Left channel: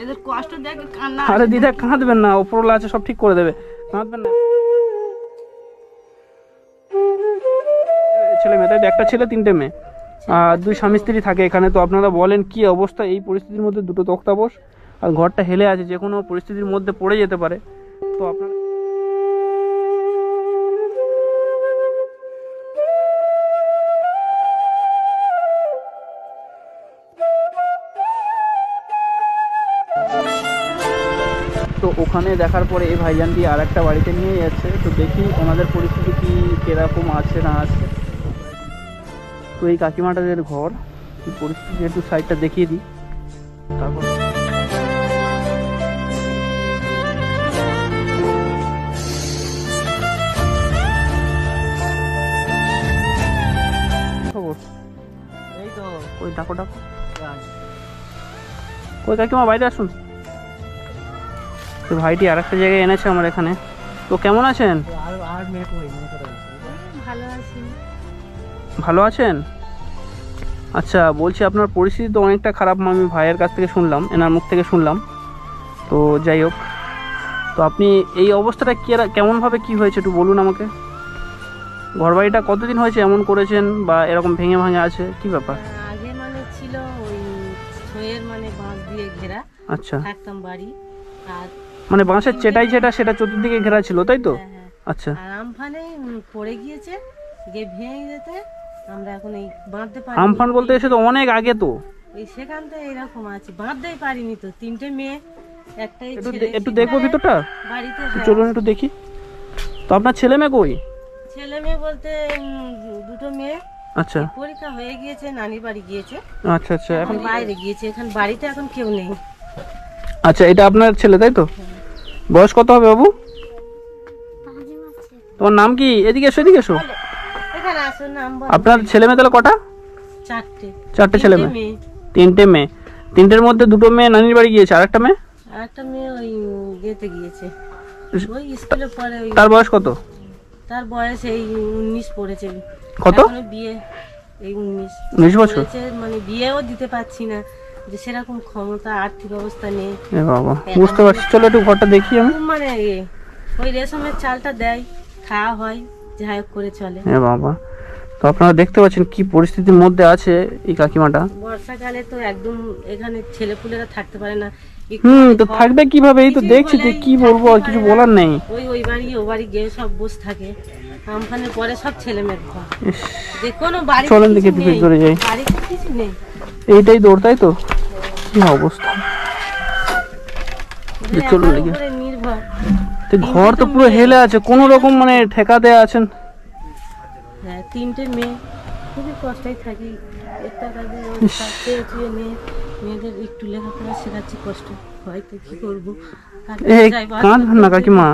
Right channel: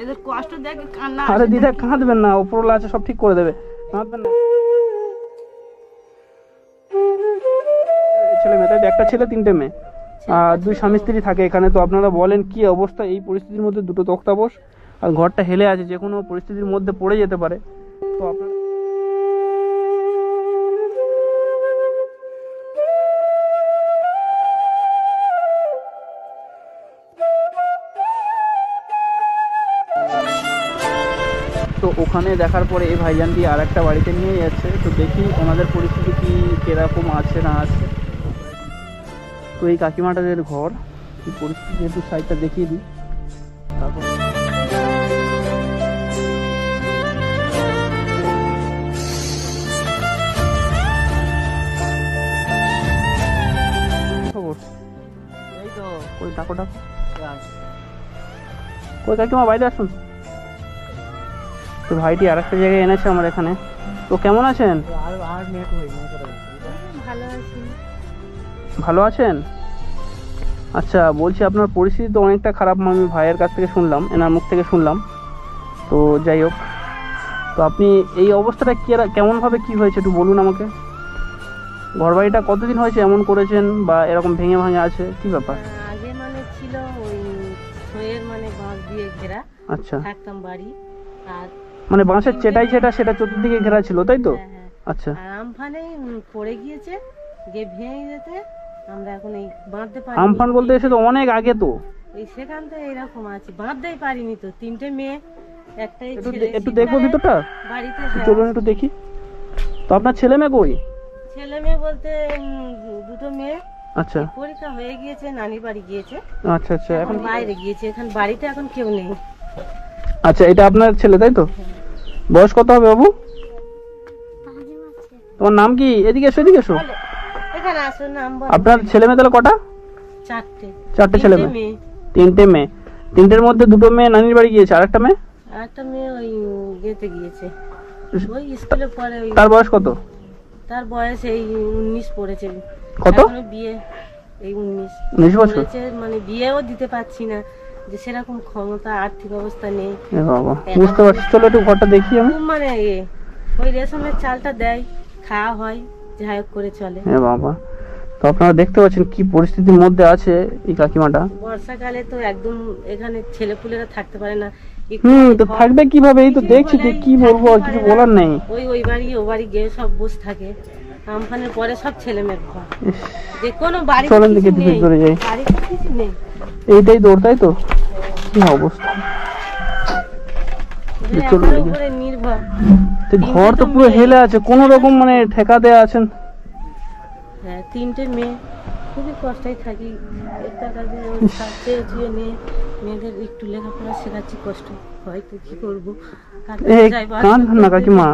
এদের কষ্ট দেখে কান্না। আরে দিদা কাঁদবেন না, ওপরওয়ালা আছে, সব ঠিক করে দেবে, কাঁদবেন না। ছেলে মেয়ে, তাই একটা ছেলে 3টে মেয়ে, আর 2 স্বামী স্ত্রী থাকে এখানে। তো আপনারা বলেন কি অবস্থা এই পরিস্থিতির মধ্যে, 2টো তক্তাপোষ আর ঘরটা হেলে আছে, যে কোনো পরিস্থিতির মধ্যে পড়ে যেতে পারে। তো আপনারা তো ওখানে দেখার পরে এই ভাইজানটি আর একটা বাড়িতে নিয়ে যাচ্ছে। তো দেখি ওনাদের পরিস্থিতি কি কিরকম আছে না আছে। তো এই কাকিমাটাদের ঘর কি পরিস্থিতি, একটু সাইডটা দেখিয়ে দিই। তারপর খবর এই তো ওই ডাকো ডাকো, ওই কাকিমা বাইরে আসুন। তো ভাইটি আর একটা জায়গায় এনেছে আমার এখানে। তো কেমন আছেন? ভালো আছি। ভালো আছেন? আচ্ছা, বলছি আপনার পরিস্থিতি তো অনেকটা খারাপ, আমি ভাইয়ের কাছ থেকে শুনলাম, এনার মুখ থেকে শুনলাম। তো যাই হোক, তো আপনি এই অবস্থাটা কেমনভাবে কি হয়েছে একটু বলুন আমাকে। ঘরবাড়িটা কতদিন হয়েছে এমন করেছেন, বা এরকম ভেঙে ভাঙে আছে, কি ব্যাপার? আগে মানে ছিল ওই ছয়ের মানে বাঁশ দিয়ে ঘেরা। আচ্ছা, থাকতাম বাড়ি, আর মানে বাঁশের চেটাই যেটা সেটা চতুর্দিকে ঘেরা ছিল, তাই তো? হ্যাঁ, হ্যাঁ। আচ্ছা, আর আমফানে পড়ে গিয়েছে, গিয়ে ভেঙে যেতে আমরা এখন এই বাঁধতে পারি। আমফান বলতে এসে তো অনেক আগে, তো ওই সেখান থেকে এরকম আছে, বাঁধতেই পারিনি তো। 3টে মেয়ে, একটাই ছেলে। একটু দেখবো ভিতরটা, বাড়িতে হ্যাঁ। চলুন একটু দেখি। তো আপনার ছেলে মেয়ে কই? ছেলে মেয়ে বলতে 2টো মেয়ে। আচ্ছা পরীক্ষা হয়ে গিয়েছে, নানি বাড়ি গিয়েছে। আচ্ছা আচ্ছা, এখন বাইরে গিয়েছে, এখন বাড়িতে এখন কেউ নেই। আচ্ছা, এটা আপনার ছেলে তাই তো? বয়স কত হবে বাবু? তোমার নাম কি? এদিকে এসো, এদিকে এসো। এখানে আসো, নাম বল। আপনার ছেলে মেয়ে তাহলে কটা? 4টে ছেলে মেয়ে। 3টে মেয়ে, 3টের মধ্যে 2টো মেয়ে নানির বাড়ি গিয়েছে, আর একটা মেয়ে? একটা মেয়ে ওই গেতে গিয়েছে, ওই স্কুলে পড়ে। ওই তার বয়স কত? তার বয়স এই 19 পড়েছে। কত? এখনো বিয়ে এই 19 বছর পড়েছে, মানে বিয়েও দিতে পারছি না, যে সেরকম ক্ষমতা আর্থিক অবস্থা নেই। এ বাবা, বুঝতে পারছি। চলো একটু ঘরটা দেখি আমি। খুব মানে ওই রেশমের চালটা দেয়, খাওয়া হয়, যাই হোক করে চলে। এ বাবা, তো আপনারা দেখতে পাচ্ছেন কি পরিস্থিতির মধ্যে আছে এই কাকিমাটা। বর্ষাকালে তো একদম এখানে ছেলেপুলেরা থাকতে পারে না। তো থাকবে কিভাবে? এই তো দেখছি, কি বলবো, আর কিছু বলার নেই। ওই বাড়ি ও বাড়ি গিয়ে সব বসে থাকে। আমফানের পরে সব ছেলে মেয়ের ঘর, যে কোনো বাড়ি চলেন দেখি ভিতরে যাই। বাড়িতে কিছু নেই, এইটাই দৌড়, তাই তো? কি অবস্থা, চলুন দেখি। উপরে নির্ভর। তো ঘর তো পুরো হেলে আছে, কোনো রকম মানে ঠেকা দেয়া আছেন। হ্যাঁ, 3টে মেয়ে, খুবই কষ্টই থাকি। একটা কাজে চেয়ে নিয়ে মেয়েদের একটু লেখাপড়া শেখাচ্ছি, কষ্ট হয়তো কি করবো। কাঁদবেন না কাকিমা,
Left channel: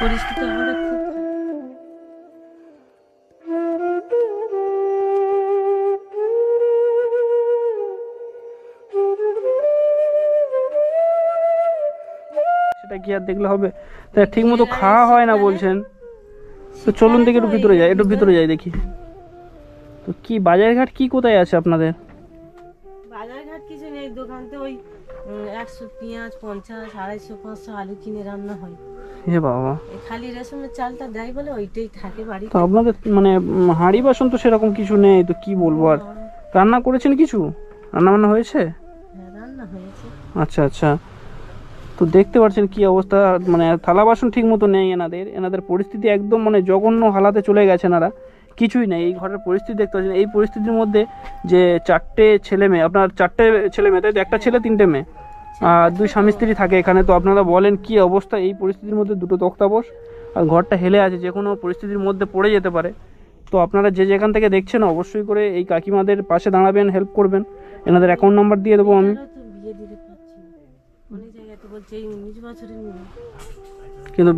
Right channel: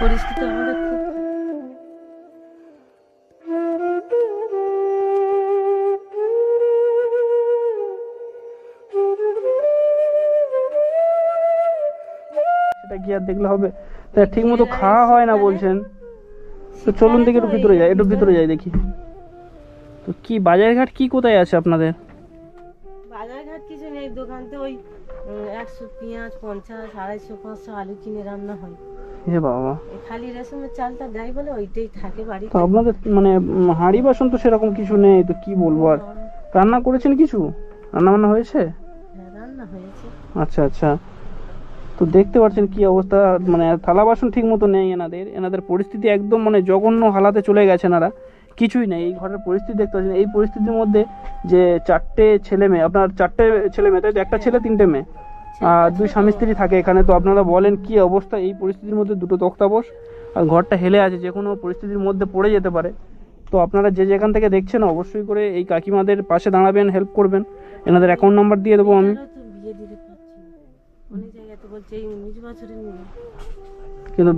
পরিস্থিতি আমাদের খুব। সেটা কি আর দেখলে হবে? তা ঠিক মতো খাওয়া হয় না বলছেন। তো চলুন দেখি একটু ভিতরে যাই, একটু ভিতরে যাই দেখি। তো কি বাজারঘাট কি কোথায় আছে আপনাদের? বাজারঘাট কিছু নেই, দোকানতে ওই 100 পেঁয়াজ, 50, 250, 500 আলু কিনে রান্না হয়। এ বাবা, খালি রেশমের চালটা দেয় বলে ওইটাই থাকে বাড়িতে। তো আপনাদের মানে হাঁড়ি বাসন তো সেরকম কিছু নেই, তো কি বলবো আর। রান্না করেছেন কিছু? রান্না বান্না হয়েছে? হ্যাঁ, রান্না হয়েছে। আচ্ছা আচ্ছা, তো দেখতে পাচ্ছেন কি অবস্থা, মানে থালা বাসন ঠিক মতো নেই এনাদের পরিস্থিতি একদম মানে জঘন্য হালাতে চলে গেছে এনারা। কিছুই নেই, এই ঘরের পরিস্থিতি দেখতে পাচ্ছেন। এই পরিস্থিতির মধ্যে যে 4টে ছেলে মেয়ে, আপনার 4টে ছেলে মেয়ে তাই তো? একটা ছেলে 3টে মেয়ে, আর 2 স্বামী স্ত্রী থাকে এখানে। তো আপনারা বলেন কি অবস্থা এই পরিস্থিতির মধ্যে, 2টো তক্তাপোষ আর ঘরটা হেলে আছে, যে কোনো পরিস্থিতির মধ্যে পড়ে যেতে পারে। তো আপনারা যে যেখান থেকে দেখছেন অবশ্যই করে এই কাকিমাদের পাশে দাঁড়াবেন, হেল্প করবেন। এনাদের অ্যাকাউন্ট নাম্বার দিয়ে দেবো আমি। বিয়ে দিতে পারছি না, অনেক জায়গায় তো বলছে এই 19 বছরের মেয়ে, কিন্তু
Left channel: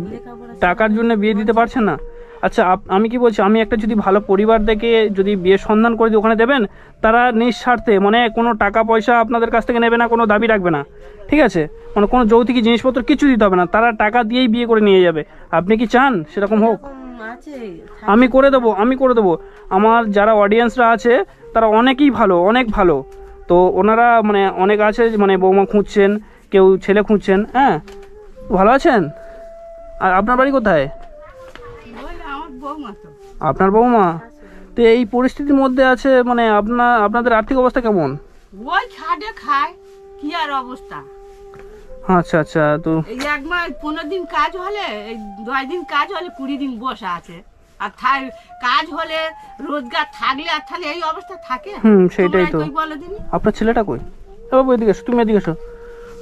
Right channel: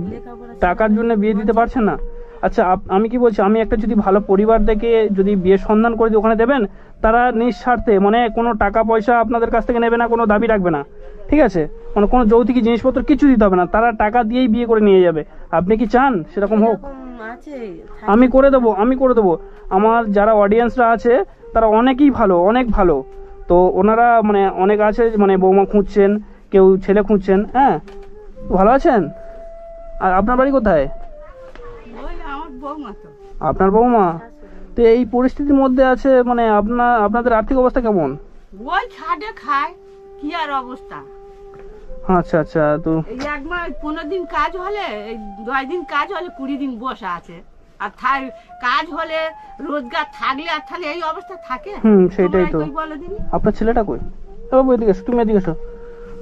টাকার জন্য বিয়ে দিতে পারছেন না। আচ্ছা, আমি কি বলছি, আমি একটা যদি ভালো পরিবার দেখে যদি বিয়ের সন্ধান করে দিই, ওখানে দেবেন? তারা নিঃস্বার্থে, মানে কোনো টাকা পয়সা আপনাদের কাছ থেকে নেবে না, কোনো দাবি রাখবে না, ঠিক আছে? মানে কোনো যৌতুকি জিনিসপত্র কিছু দিতে হবে না, তারা টাকা দিয়েই বিয়ে করে নিয়ে যাবে। আপনি কি চান সেরকম হোক? আমি করে দেবো, আমি করে দেবো। আমার যারা অডিয়েন্সরা আছে তারা অনেকেই ভালো, অনেক ভালো। তো ওনারা মানে অনেক আছে মানে বৌমা খুঁজছেন, কেউ ছেলে খুঁজছেন। হ্যাঁ, ভালো আছেন? আর আপনার বাড়ি কোথায়? আপনার বৌমা তো এই পরিস্থিতির মধ্যে আছে, মানে আপনাদের আর্থিক অবস্থা কেমন? ওই খাটে খায়, কি আর অবস্থা। আচ্ছা আচ্ছা, তো এই এক মাস 15 দিন কাজ হলে, এই 2 দিন কাজ হলে 20 দিন বসে আছে। আর কাজ হলে রোজগার থাকলে আর তাহলে এই অবস্থা থাকে? সেটাই তো। বলো দিন, আপনার ছেলেটা কই? বাবু এদিকে এসো, তুমি এদিকে এসো,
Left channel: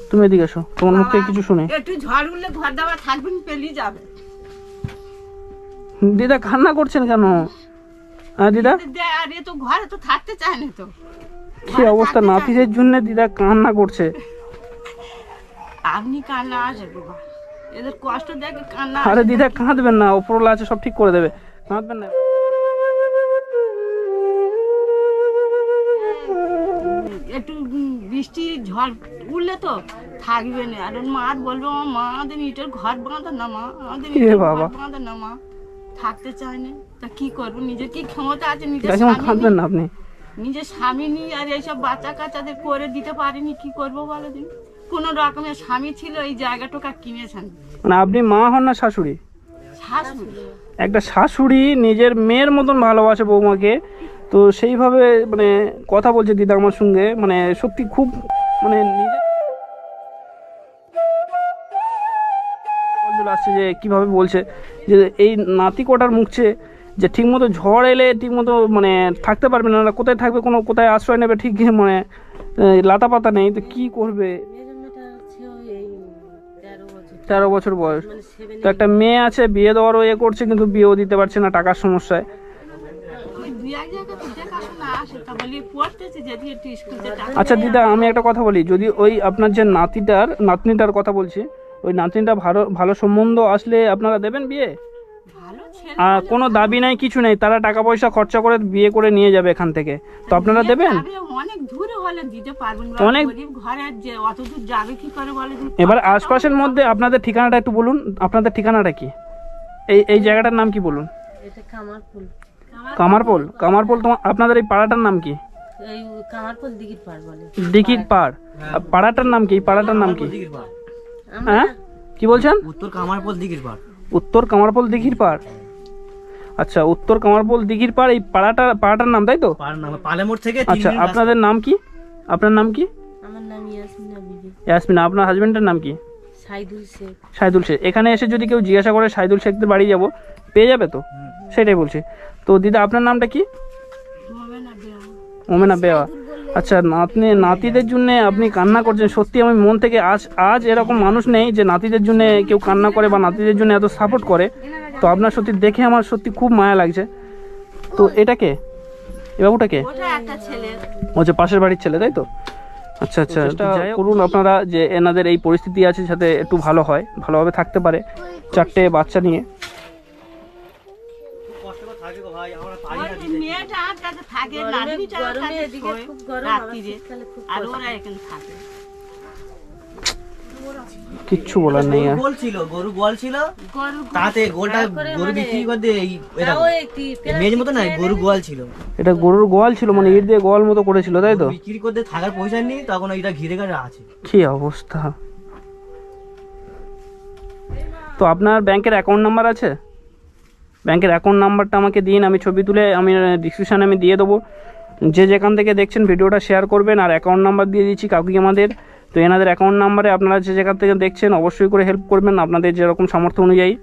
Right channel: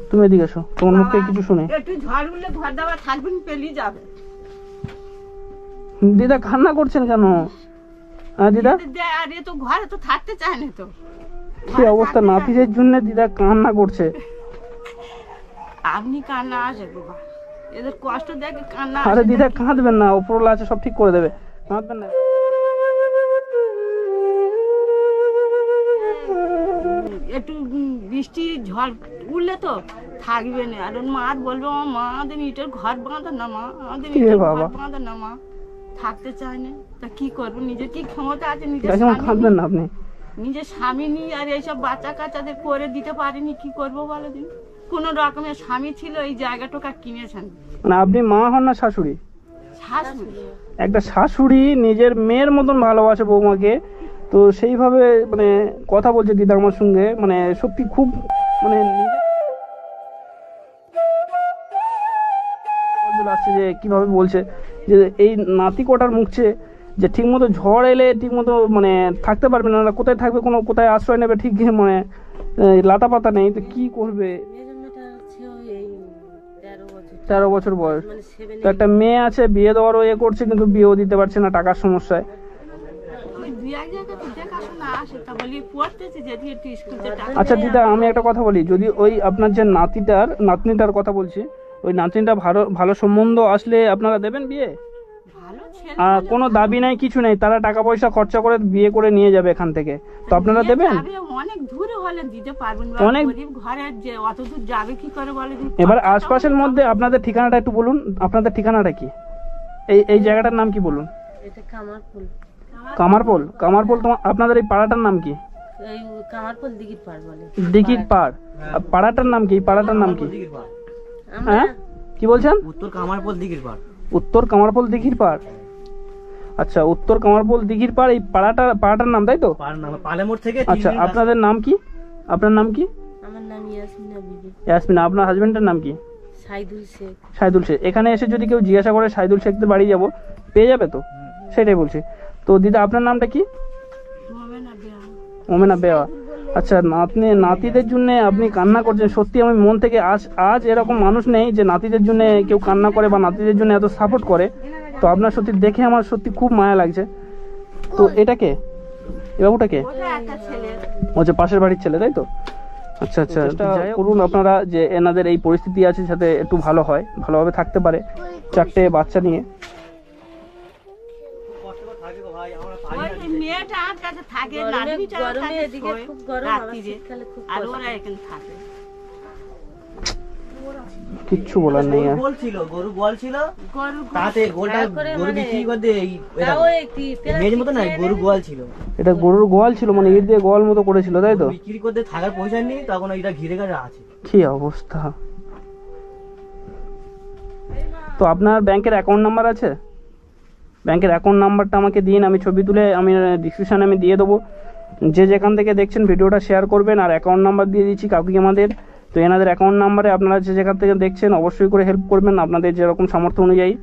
তুমি এদিকে এসো, তোমার মুখ থেকে কিছু শুনে। একটু ঝড় উঠলে ঘর দাবার থাকবেন, পেলিয়ে যাবে। দিদা কান্না করছেন কেন? হ্যাঁ দিদা, আর এ তো ঘরে তো থাকতে চায় না তো। কি অবস্থা, নাতিদের জন্য দিদা কান্না করছে। আপনি কান্না আসে বাবা, এদের কষ্ট দেখে কান্না। আরে দিদা কাঁদবেন না, ওপরওয়ালা আছে, সব ঠিক করে দেবে, কাঁদবেন না। একটু বৃষ্টি ঝড় উঠলে তো থাকবে না। আর মার বলবে, মা আমাদের ইটের ঘর বাঁধা না, মা আমাদের ইটের ঘর বাঁধা না, মা থাকতে চায় না। তা কি করবো, নিজের কি ক্ষমতা আছে? কাঁদবেন না আপনি, নিজের স্বামী নিয়ে আর এইসব বাচ্চা কাচ্চাদের করে দিতে পারিনি, কি করবো বলো দিন। কোন রকমের স্বামী ছিল, এই জায়গাটা কিনেছেন। মানে আপনি মা হন না শাশুড়ি? শাশুড়ি। একটা শাশুড়ি নিজের মেয়ের মতন ভালোবাসে বৌমাকে, তো সেইভাবে মানে কথা বলছে দিদা আমার সঙ্গে, মানে সত্যি খুব মানে আসছে যে কিভাবে বলছে যে এই নাতি কটার মুখছে যে ঠিকমতো ঝড় এলে ঠিকমতো মানে থাকতে পারবে না, কোথায় থাকবে, কোথায় আশ্রয় নেবে, ঠিক মানে লাতা পাতা নেই, তো কি করবে? 13 বছর বয়স, তো একটা মেয়ে আছে, বিয়ে দেওয়ারও করছে, কিন্তু বিয়েও দিতে পারছে না টাকার সমস্যায়। আচ্ছা দিদা, আমি একটা কথা বলি, যদি ওই আপনার যে নাতনিটার কথা বলছি, ওই নাতনিটা ভালো সম্বন্ধ আসলে আপনারা দেবেন বিয়ে? আর কোনো দাবি নাই, কিছু নেই, তারা টাকা পয়সা খরচা করে বিয়ে করে নিয়ে যাবে এখান থেকে, তো আপনারা দেবেন? অনেক দূরে হলে দিতে পারবেন, অনেক ঘরে যে অত দূর যাবে কি করে বলে। এবার আশপাশের মধ্যে আপনাদের ঠিকানাটা একটু বলুন, আপনাদের ঠিকানাটা কি? এই জায়গাটার নাম কি বলুন? এটা কামারপুল। কামারপোল? তোমার আপনাদের এই পাড়াটার নাম কি? এই কামারপুল দিঘির পাড় বলে। দিঘির পাড়, পাড়াটার নাম কি? পাড়াটার নাম কি? হ্যাঁ কি বলছেন? উত্তর কামারপোল দিঘির পাড়। উত্তর কামারপোল দিঘির পাড়, আচ্ছা উত্তর কামারপোল দিঘির পাড়, এই পাড়াটার নাম, তাই তো? পালেমোড় থেকে। আচ্ছা আপনাদের নাম কি? আপনার নাম কি? আমার নাম ইয়াসমিনা বিবি। ইয়াসমিনা। আপনার হাজবেন্ডের নাম কি? সাইদুল শেখ। এখানে এসে যদি কেউ জিজ্ঞাসা করে সাইদুল শেখদের বাড়ি যাব, পেয়ে যাবে তো? সেটাই বলছি। তো দিদা আপনার নামটা কি? মোমেনা বেওয়া। আচ্ছা, নাতিদের জন্য আপনি কান্না করছেন, সত্যি আমি মন থেকে আজ এরকম মানুষ নেই যে নাতিদের জন্য কেউ কান্না করে বা নাতিদের জন্য এত সাপোর্ট করে। তো আপনার সত্যি দেখে আমার সত্যি খুব মায়া লাগছে। তো এটা কে? এই বাবুটা কে? ও যে পাশের বাড়ির ছেলে, তাই তো? আচ্ছা আচ্ছা, যাই করুন আপনারা, যে এনাদের এই পরিস্থিতি আছে যাতে একটু ভালো হয়, ভালোভাবে থাকতে পারে 4টে বাচ্চা নিয়ে। কিচ্ছু বলার নেই। গরু গোয়াল ছিল, তাতে গোলটা গরু বিক্রি করতে মেয়ের মতো না, গরু গোয়াল ছিল। এটা গরুর গোয়াল ছিল, মানে ইট দিয়ে গোয়াল মতো করেছিল, তাই তো? বিক্রি করতে থাকার পয়সা নেই, তখন এটা ঘিরে ঘিরে আছে। কি অবস্থা! তো আপনার ব্যাংকের অ্যাকাউন্ট নাম্বার আছে? ব্যাংকের অ্যাকাউন্ট নাম্বারটা আমাকে দিন, আমি ছবি তুলে আমি ডিসক্রিপশানে আমি দিয়ে দেবো। যে যেখান থেকে দেখছেন ভিডিওটা শেয়ার করবেন, আর অ্যাকাউন্ট নাম্বার দিয়ে দিচ্ছি কাকুই আমাদের। তো এনাদের অ্যাকাউন্ট নাম্বারে আপনারা যে যেখান থেকে দেখছেন অবশ্যই করে হেল্প করবেন আপনাদের যেরকম সামর্থ্য অনুযায়ী,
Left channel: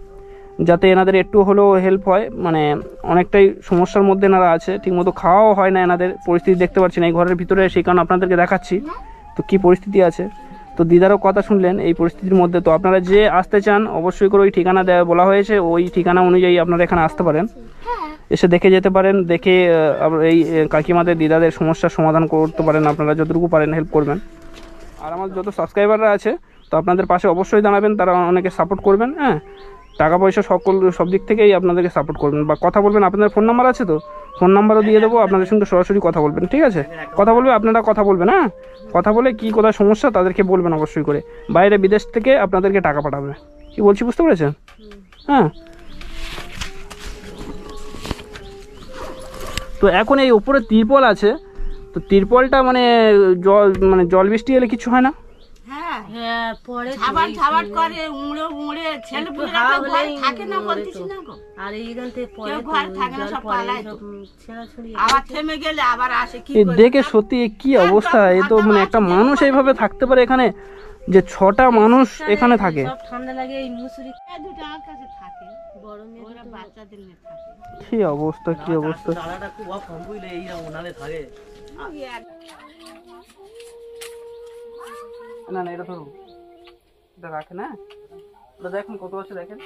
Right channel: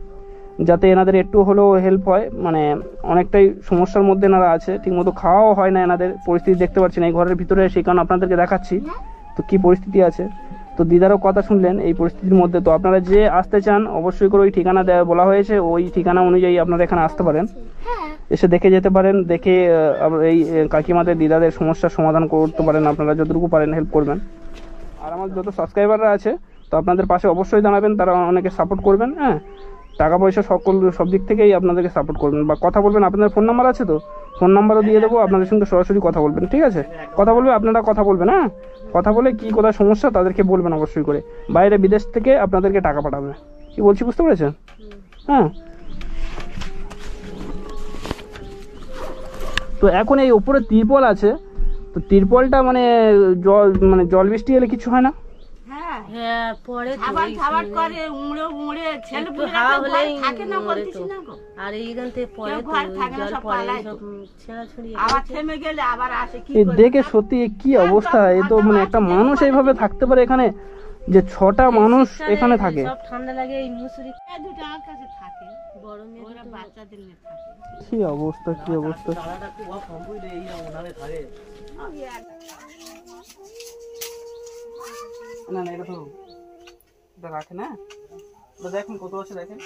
যাতে এনাদের একটু হলেও হেল্প হয়। মানে অনেকটাই সমস্যার মধ্যে এনারা আছে, ঠিকমতো খাওয়াও হয় না, এনাদের পরিস্থিতি দেখতে পাচ্ছেন এই ঘরের ভিতরে, সেই কারণে আপনাদেরকে দেখাচ্ছি তো কী পরিস্থিতি আছে। তো দিদারও কথা শুনলেন এই পরিস্থিতির মধ্যে। তো আপনারা যে আসতে চান অবশ্যই করে ওই ঠিকানা বলা হয়েছে, ওই ঠিকানা অনুযায়ী আপনারা এখানে আসতে পারেন, এসে দেখে যেতে পারেন, দেখে এই কাকিমাদের দিদাদের সমস্যার সমাধান করতে পারেন, আপনারা যতটুকু পারেন হেল্প করবেন। আর আমার যত সাবস্ক্রাইবাররা আছে তো আপনাদের পাশে অবশ্যই দাঁড়াবেন, তারা অনেকে সাপোর্ট করবেন। হ্যাঁ, টাকা পয়সা সব দিক থেকেই আপনাদেরকে সাপোর্ট করবেন, বা কথা বলবেন। আপনাদের ফোন নাম্বার আছে তো? ফোন নাম্বারও দিয়ে দেবো, আপনাদের সঙ্গে সরাসরি কথা বলবেন, ঠিক আছে? কথা বলবে, আপনারা কথা বলবেন। হ্যাঁ, কথা বলে কী কোথায় সমস্যা তাদেরকে বলবেন অবশ্যই করে। বাইরে বিদেশ থেকে আপনাদেরকে টাকা পাঠাবে। কি বলছি বুঝতে পেরেছেন? হ্যাঁ। তো এখন এই উপরে তিরপল আছে, তো তিরপলটা মানে জল বৃষ্টি এলে কিছু হয় না? হ্যাঁ হ্যাঁ পরে তো খাবার এই খাবার সময় করে উড়ে ছেলে একটু পুলেরা হাওয়া তো হলেই ঘরে থাকে না মরে বলতেছি তো। না গো। আর এইখান থেকে পরে কেউ তো ঘর থাকে না, জল সব পরে পালায় সব তো। ছেঁড়াছুড়ি আবার থেমে গেলে আবার আসে কি এই করবে? দেখে সত্যি কি অবস্থা, এ তো মানে একটা মানুষ এইভাবে থাকতে পারে এখানে, যে 6টা মানুষ এখানে থাকে? সব ঠান্ডা লাগে এই মুসুরি এই দুটো আমার কাছে থাকে, বড় মেয়ে ওরা বাচ্চাদের নিয়ে থাকে। কি অবস্থা, কি অবস্থা। দাদাটা খুব কম বুঝলে এই ওনাদের থাকে। না না, এটা তো এটা রাখে না, এটা দেখুন কত আছে দেখেন।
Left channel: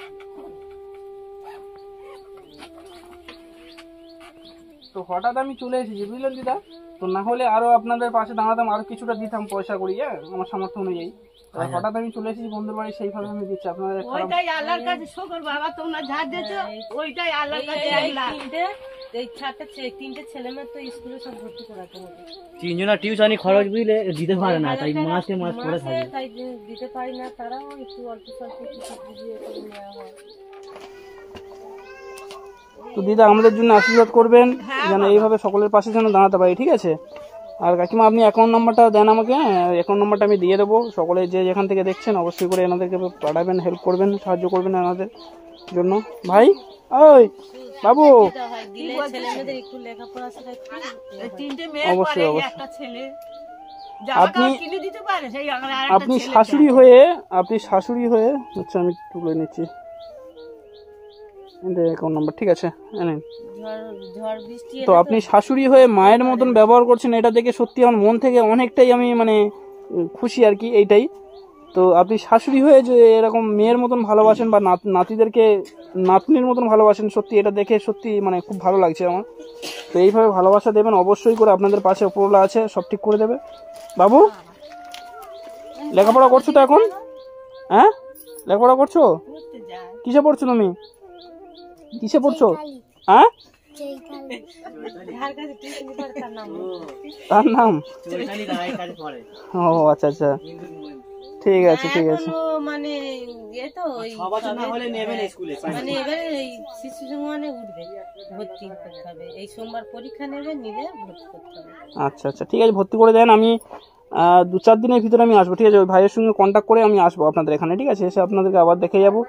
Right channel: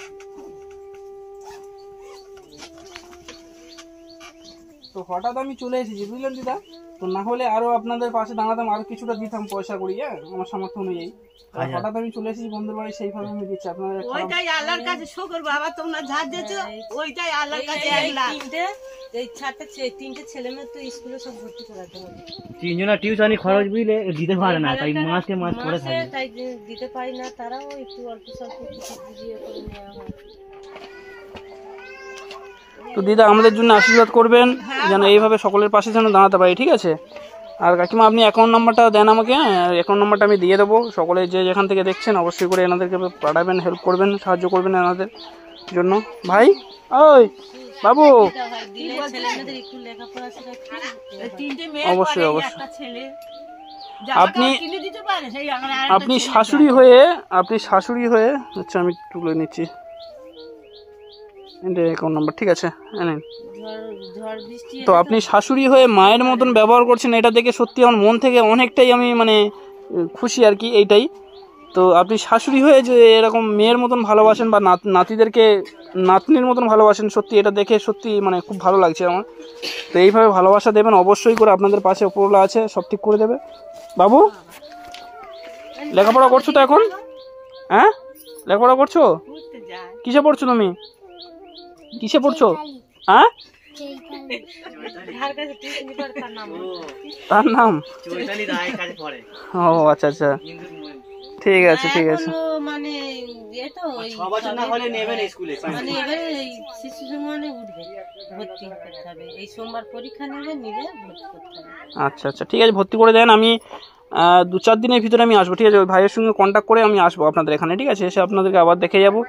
তো হঠাৎ আমি চলে এসেছি বুঝলেন দিদা, তো না হলে আরো আপনাদের পাশে দাঁড়াতাম, আরো কিছুটা দিতাম পয়সা করি, হ্যাঁ আমার সামর্থ্য অনুযায়ী। এবার হঠাৎ আমি চলে এসেছি বন্ধুর বাড়ি, সেইভাবে আমি দিচ্ছি আপনাদের খারাপ। ওইটাই আল্লাহর কাছে শুকর বাবা, তোমরা ঝাড় দিয়েছো, ওইটাই আল্লাহর কাছে এই আল্লাহ। তিনটে ছেলে মেয়ে তো স্কুলে সব ভর্তি করাতে হবে। 3 জনের টিউশনি খরচ বুঝলে দিতে পারে না, তাই মাসে মাস পড়ে মাসে থাকে। তাই দিতে পারি না, তারাও একটু অল্প স্বল্প কিছু বুঝিয়ে করে নেওয়া হয়। তো দিদা আমাদের জন্য আশীর্বাদ করবেন যেন এইভাবে সকলের পাশে যেন দাঁড়াতে পারি, ঠিক আছে? আর কাকিমা আপনি অ্যাকাউন্ট নাম্বারটা দেন আমাকে, অ্যাকাউন্ট নাম্বারটা আমি দিয়ে দেবো। সকলে যে যেখান থেকে দেখছেন অবশ্যই করে এনাদেরকে পাঠাবেন, হেল্প করবেন, সাহায্য করবেন এনাদের জন্য। ভাই ওই বাবু, দিলে ছেলে মেয়েদের একটু লেখাপড়া শেখাচ্ছি। এই তিনটে মেয়ে অবশ্যই, পরে, এই অবশ্যই। একটা ছেলে জামা আপনি- কাপড় কিনে দিতে পারে, সেই আমার আরেকটা আপনি ছেলে শাশুড়ি হয়ে আচ্ছা আমি তুলে নিচ্ছি এটা অ্যাকাউন্ট নাম্বার, ঠিক আছে নেন। ঝড় বৃষ্টি তো আপনি শাশুড়ি হয়ে মায়ের মতন ব্যবহার করছেন, এটা দেখে সত্যি আমার মন থেকে অনেকটাই আমি মানে খুশি আর কি, এইটাই। তো আপনি শাশুড়ি হয়ে যে এরকম মেয়ের মতন ভালোবাসেন বা নাতিদেরকে নাতনির মতন ভালোবাসেন, সত্যি এটা দেখে সত্যি মানে খুব ভালো লাগছে আমার। তো এইভাবে ভালোবাসা দেবেন অবশ্যই করে, আপনাদের পাশে উপরওয়ালা আছে, সব ঠিক করে দেবে। বাবু লেখাপড়া করছো তো এখন? হ্যাঁ লেখাপড়া করছো? ঘুরতে যায়। কিসে পড়ছো তুমি? কিসে পড়ছো? হ্যাঁ যার কাছে টিউশন করে তার নাম তার নাম? চৈতালি রায়ের কাছে পড়ে। ও আচ্ছা আচ্ছা, কিন্তু ঠিক আছে ঠিক আছে। এখনো মানে এ তো ওই 6 বছর না হলে নেবেন স্কুলে। মানে এবারে এই শিশু সমানে উঠবে, ভর্তি করতে হবে। এই সোমবার পরীক্ষা নেবে, নিলে ভর্তি করতে হবে। আচ্ছা আচ্ছা ঠিক আছে, ভর্তি করে দেন। আমি 2-4 দিনের ভিতরে আমি আসবো, ঠিক আছে? ওই ভাইয়ের সঙ্গে কন্ট্যাক্ট করে আমি আসবো আপনাদের এখানে, ঠিক আছে? এসে আপনাদেরকে আবার দেখে যাবো,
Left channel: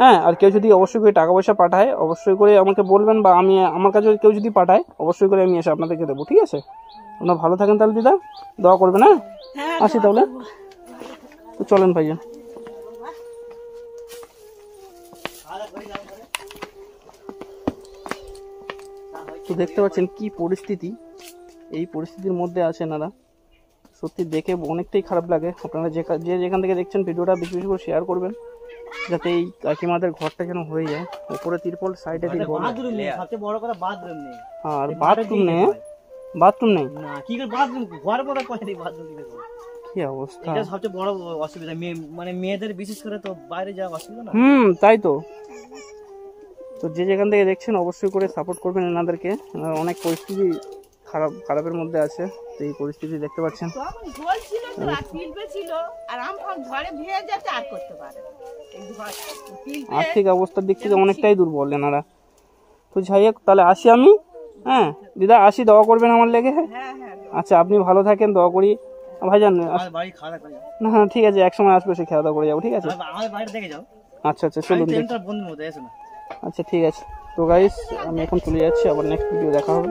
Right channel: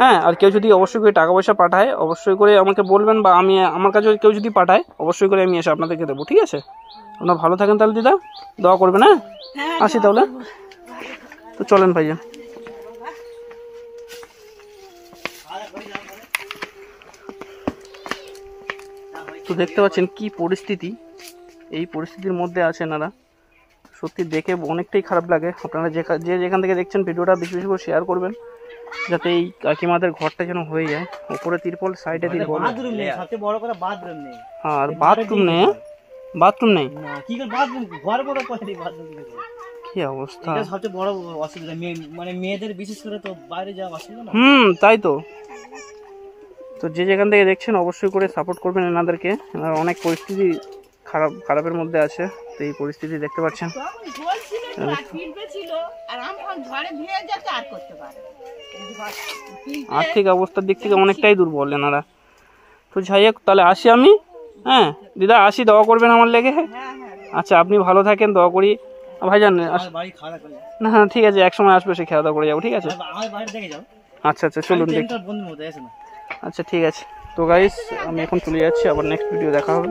হ্যাঁ। আর কেউ যদি অবশ্যই করে টাকা পয়সা পাঠায় অবশ্যই করে আমাকে বলবেন, বা আমি আমার কাছে কেউ যদি পাঠায় অবশ্যই করে আমি এসে আপনাদেরকে দেবো, ঠিক আছে? আপনারা ভালো থাকেন তাহলে দিদা, দোয়া করবেন, হ্যাঁ? আসি তাহলে, তো চলেন ভাইজান। তো দেখতে পাচ্ছেন কি পরিস্থিতি, এই পরিস্থিতির মধ্যে আছে এনারা, সত্যি দেখে অনেকটাই খারাপ লাগে। আপনারা যে যেখান থেকে দেখছেন ভিডিওটা বেশি বেশি করে শেয়ার করবেন, যাতে এই কাকিমাদের ঘরটা যেন হয়ে যায়। উপরে তিরপল, সাইডে তিরপল, বাথরুম নেই, সবচেয়ে বড় কথা বাথরুম নেই। আর বাথরুম নেই, বাথরুম নেই। না কি করে বাথরুম, ঘর মতো করে বাথরুম কি করে? কি অবস্থা, এটা সবচেয়ে বড় অসুবিধা, মানে মেয়েদের বিশেষ করে তো বাইরে যাওয়া অসুবিধা না। তাই তো। তো যে যেখান থেকে দেখছেন অবশ্যই করে সাপোর্ট করবেন এনাদেরকে, এনারা অনেক পরিস্থিতি খারাপের মধ্যে আছে। তো এই পরিস্থিতি দেখতে পাচ্ছেন, তখন ঝোল ছিল তো, আর পিঁপড়ে ছিল, আর আমফান ঝড়ে ভিজে যাচ্ছে, আর করতে পারে না। এই ঝড়, পিঁপড়ে আর্থিক অবস্থার দিক থেকে অনেকটাই দুর্বল এনারা। তো যাই হোক, তাহলে আসি আমি, হ্যাঁ দিদা আসি, দোয়া করবেন আমার লেগে। হ্যাঁ হ্যাঁ আচ্ছা আপনি ভালো থাকেন, দোয়া করি। ভাইজান আমার বাড়ি খারাপ হলে না হ্যাঁ ঠিক আছে, এক সময় আসবে, সে খাওয়া দাওয়া করে যাবো, ঠিক আছে? আমার বাইরে দেখে যাও। আচ্ছা আচ্ছা চলুন দেখি। ট্রেনটার বন্ধুর মতো এসো না। আচ্ছা ঠিক আছে। তো গাইস আমি এখন চলে যাচ্ছি, আবার নেক্সট ভিডিও দেখা হবে।